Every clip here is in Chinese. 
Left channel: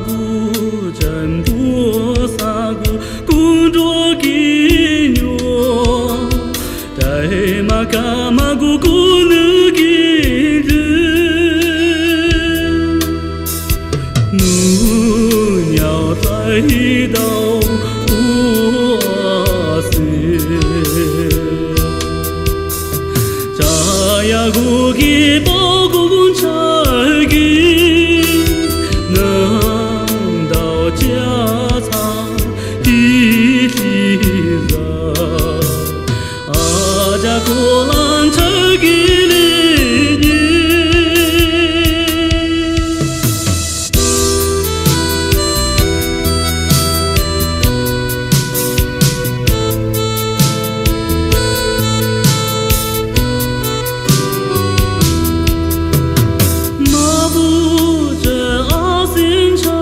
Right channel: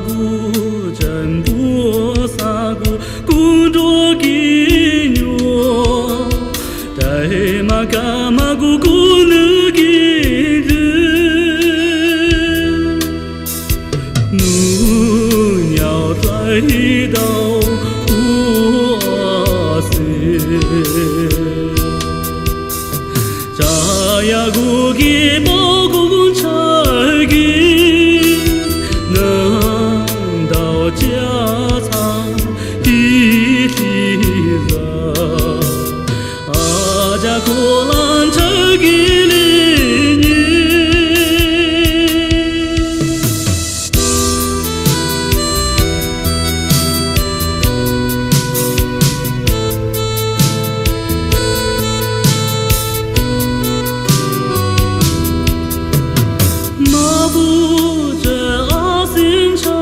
不真多撒不公着给牛，带马干马古古能给人，母鸟来到我心，扎呀古给包公拆给。家常一起走，阿家过浪这给里年，马不这阿心肠。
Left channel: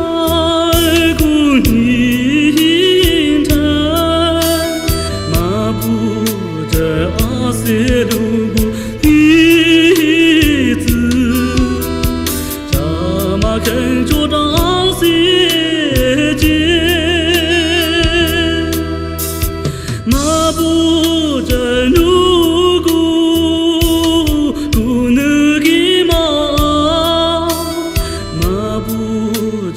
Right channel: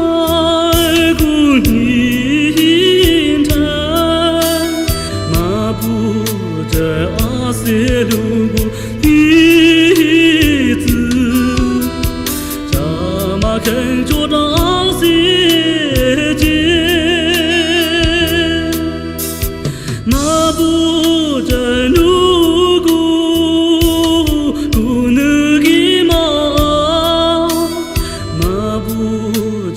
肯着当世间，那不真如故，不能给马，那不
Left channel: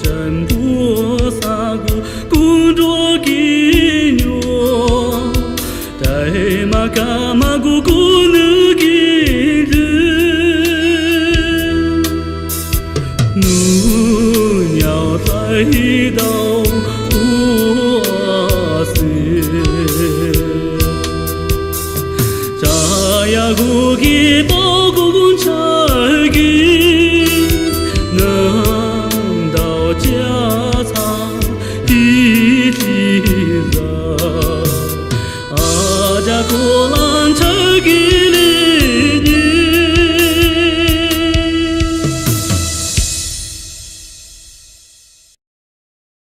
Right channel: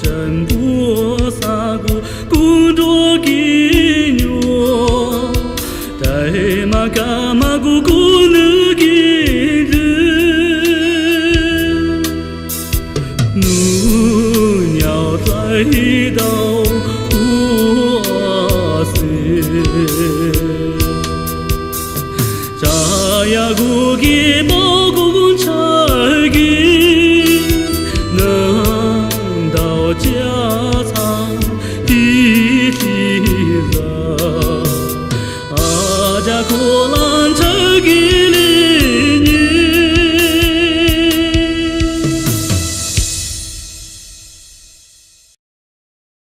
真多撒不公着给牛，带马干马古古能给人。母鸟来到我心，扎呀古给。